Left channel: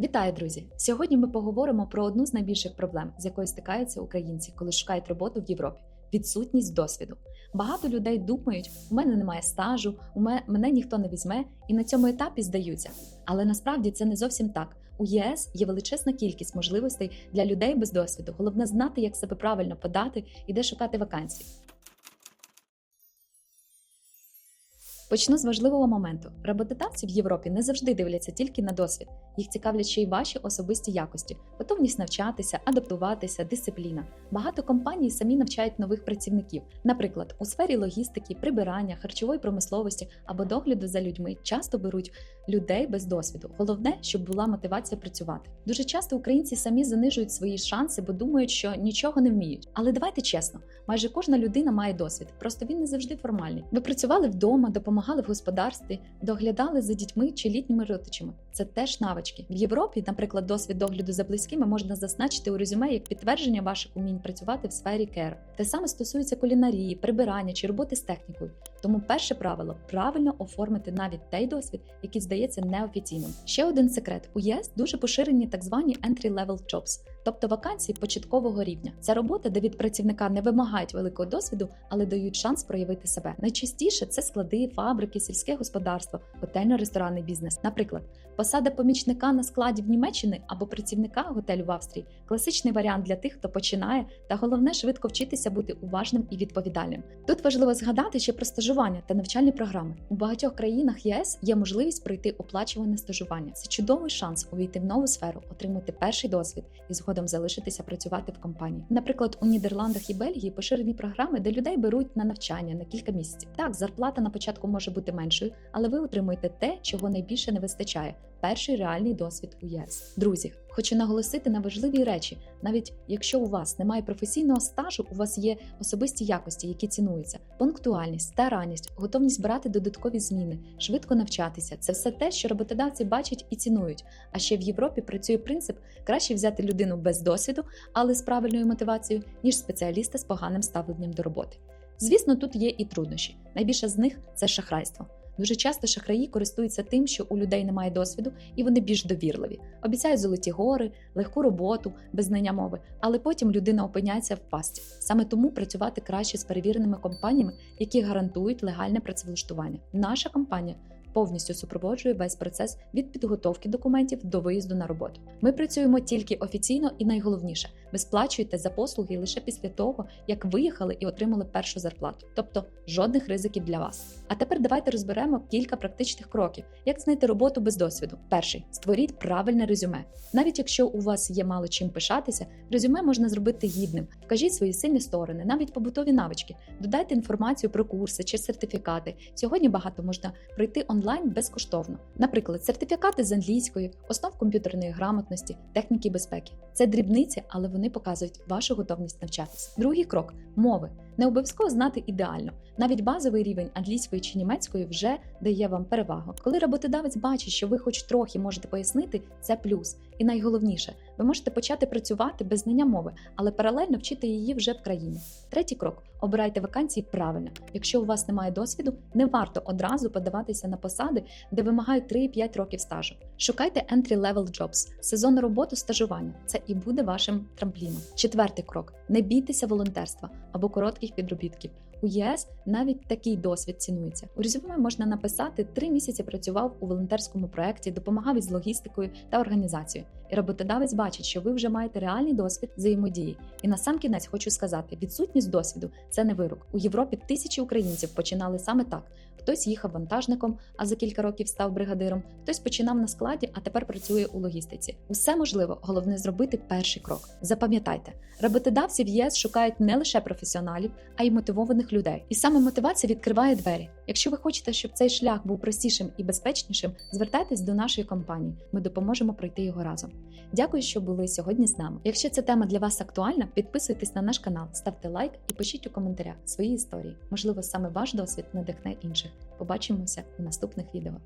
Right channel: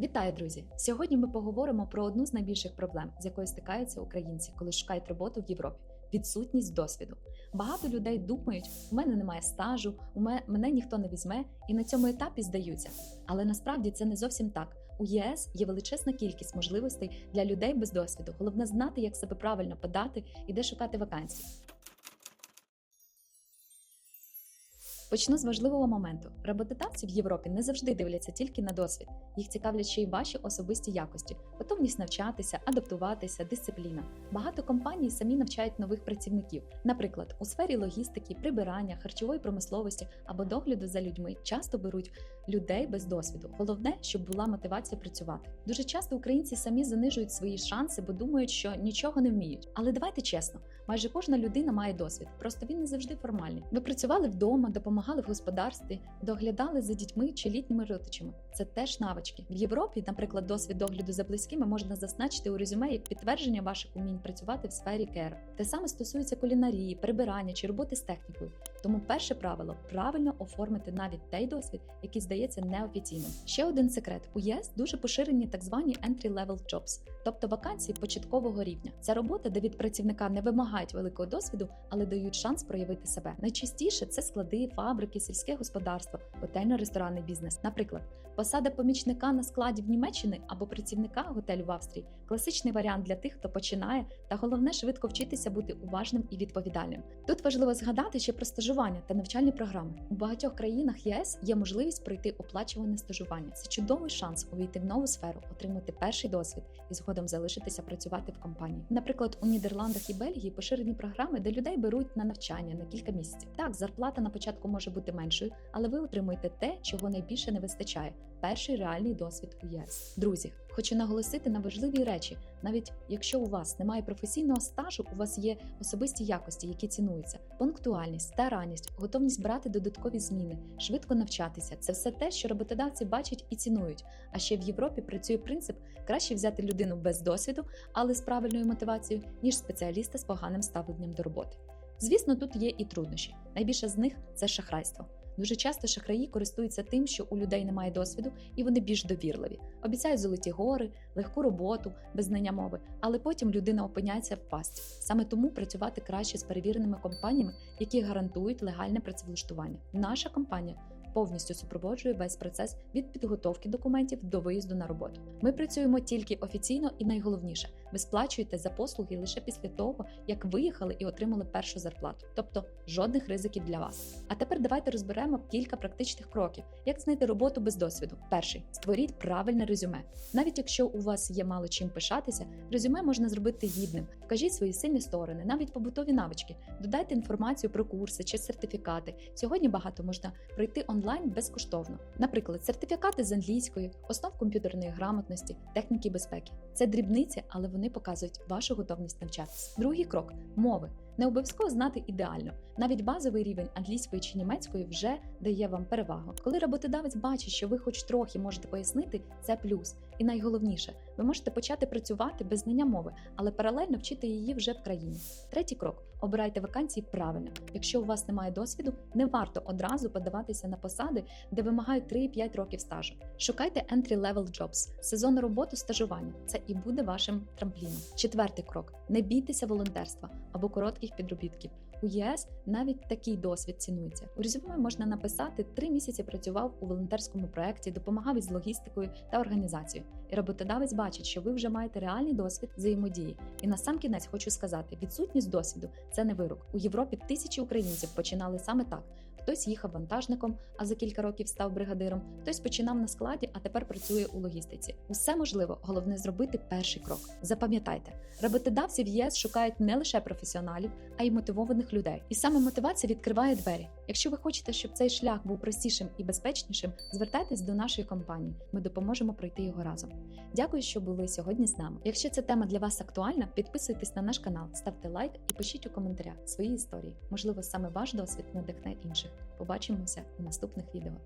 Вітаю, друзі! Сьогодні ми поговоримо про одну з найбільших проблем, з якою стикаються українці, коли шукають роботу в Європі відсутність досвіду. Багато людей думають, у мене немає стажу, у мене, ніхто не візьме, і на цьому етапі здаються. Але насправді це не зовсім так. У ЄС є величезна кількість можливостей для людей без досвіду. Головне знати, як себе правильно подати і де шукати вакансії. Почну з важливого моменту. Роботодавці в Європі не завжди дивляться тільки на досвід. Їх цікавлять ще й ваші особисті якості, готовність навчатися, адаптуватися, дисципліна. Багато компаній самі навчають нових працівників. Наприклад, у сфері логістики, прибирання, харчової промисловості або догляду за людьми часто беруть людей без досвіду. Головне, щоб була мотивація працювати. Дуже часто українці самі занижують свої шанси, бо думають, що нічого не вміють. Але давайте чесно, майже кожна людина має досвід, просто він не завжди формальний. Ви працювали вдома, допомагали в господарстві, доглядали за дітьми чи літніми родичами. Це теж навички. В Європі, наприклад, досвід догляду за близькими можна зазначити у резюме як підтвердження ваших умінь працювати в сфері кер. Те саме стосується кулінарії, прибирання чи роботи з технікою. Тому перше правило правильно оформити навіть той досвід, який здається неофіційним. Ще один секрет: у ЄС дуже поширені так звані entry-level jobs, тобто вакансії початкового рівня. Це робота, де від працівника не вимагають великого досвіду, але дають шанс проявити себе. Найчастіше це склади, фабрики, сільське господарство, готельно-ресторанний бізнес. Наприклад, посада помічника на складі в Німеччині або працівника готелю в Австрії класичний варіант для тих, хто починає, та головне швидко вчитися бути уважним і відповідальним. Тут важливо згадати ще про стажування та навчальні програми. У багатьох країнах ЄС є можливість пройти оплачуване стажування. Це чудовий шанс увійти в нову сферу, отримати перший досвід і згодом залишитися працювати в компанії. Наприклад, у Нідерландах і Бельгії поширені програми, де людей беруть на навчання на кілька місяців. Так, зарплата на початку може бути меншою, але ви отримуєте те, чого найбільше не вистачає. Перший реальний досвід у ЄС. Друзі, хочу наголосити на важливі речі. Навіть якщо у вас немає професійного стажу, у вас є особисті якості, які цінуються: пунктуальність, старанність, готовність брати додаткові зміни, швидко навчатися. Це все те, що роботодавці бачать і цінують. А ще в Європі працює принцип краще взяти людину без досвіду, але з правильною мотивацією, ніж спеціаліста з поганим ставленням до роботи. Звісно, тут є і труднощі. Найбільше з них це шахрайство. Дуже часто шахраї користуються тим, що у людей немає досвіду, і вони більш довірливі, обіцяють золоті гори, легку роботу, без знання мови, але потім людина опиняється в пастці. Саме тому працювати краще з перевіреними компаніями, які гарантують легальне працевлаштування. Наша компанія повністю супроводжує весь процес від підготовки документів до виїзду на роботу. Ми працюємо тільки офіційно і найголовніше, ви сплачуєте за послуги лише після того, як виїхали і отримали першу зарплату, тобто жодних ризиків для вас. А тепер давайте розберемо кілька практичних кроків, як знайти роботу без досвіду. Перший створіть правильне резюме. Навіть якщо у вас є мало чим пишатися, резюме можна зробити гідним. Вкажіть свої сильні сторони, навіть побутові навички, додайте інформацію про курси чи сертифікати. Сьогодні багато можна пройти онлайн безкоштовно. Наприклад, сертифікати з англійської, основ комп'ютерної грамотності, техніки безпеки. Це дрібниці, але вони показують вашу готовність навчатися. Другий крок мови. Не обов'язково знати ідеально. Навіть базовий рівень англійської чи німецької вже дає вам перевагу. Коли роботодавець бачить, що ви хоч трохи можете пояснити, це плюс. І найголовніше, ви можете почати працювати без знання мови, але паралельно вчити її вже в країні. Третій крок: обирайте вакансії правильно. Якщо у вас немає досвіду, не варто одразу подаватися на посади, де вимагають 3-5 років стажу. Шукайте entry-level jobs, сезонну роботу, стажування. Це і буде вашим трампліном. Четвертий крок: не бійтеся волонтерства або коротких підробітків. У ЄС навіть такий досвід цінується. У резюме можна написати три місяці працював у волонтерському проєкті, допомагав із логістикою та організацією. І роботодавець бачить, що ви вже маєте реальний досвід взаємодії. І на сам кінець хочу сказати: відсутність досвіду це не вирок. У Європі тисячі українців починали саме так. Хтось їхав вантажником, а за кілька років став бригадиром, хтось починав на складі, а тепер працює у логістиці. Усе можливо, головне зробити перший крок. Запам'ятайте, роботодавці в ЄС шукають не лише професіоналів, а й мотивованих людей. І саме мотивація відкриває двері. Якщо ви хочете, щоб цей шлях був простішим і безпечнішим, звертайтесь до нашої компанії. Ми допоможемо пройти його разом. Дякую, що були сьогодні з нами. Якщо ця тема для вас актуальна, підписуйтесь на наш канал, ставте лайк і пишіть у коментарях свої історії. Можливо, саме ваш досвід надихне інших. Побачимося у наступних відео.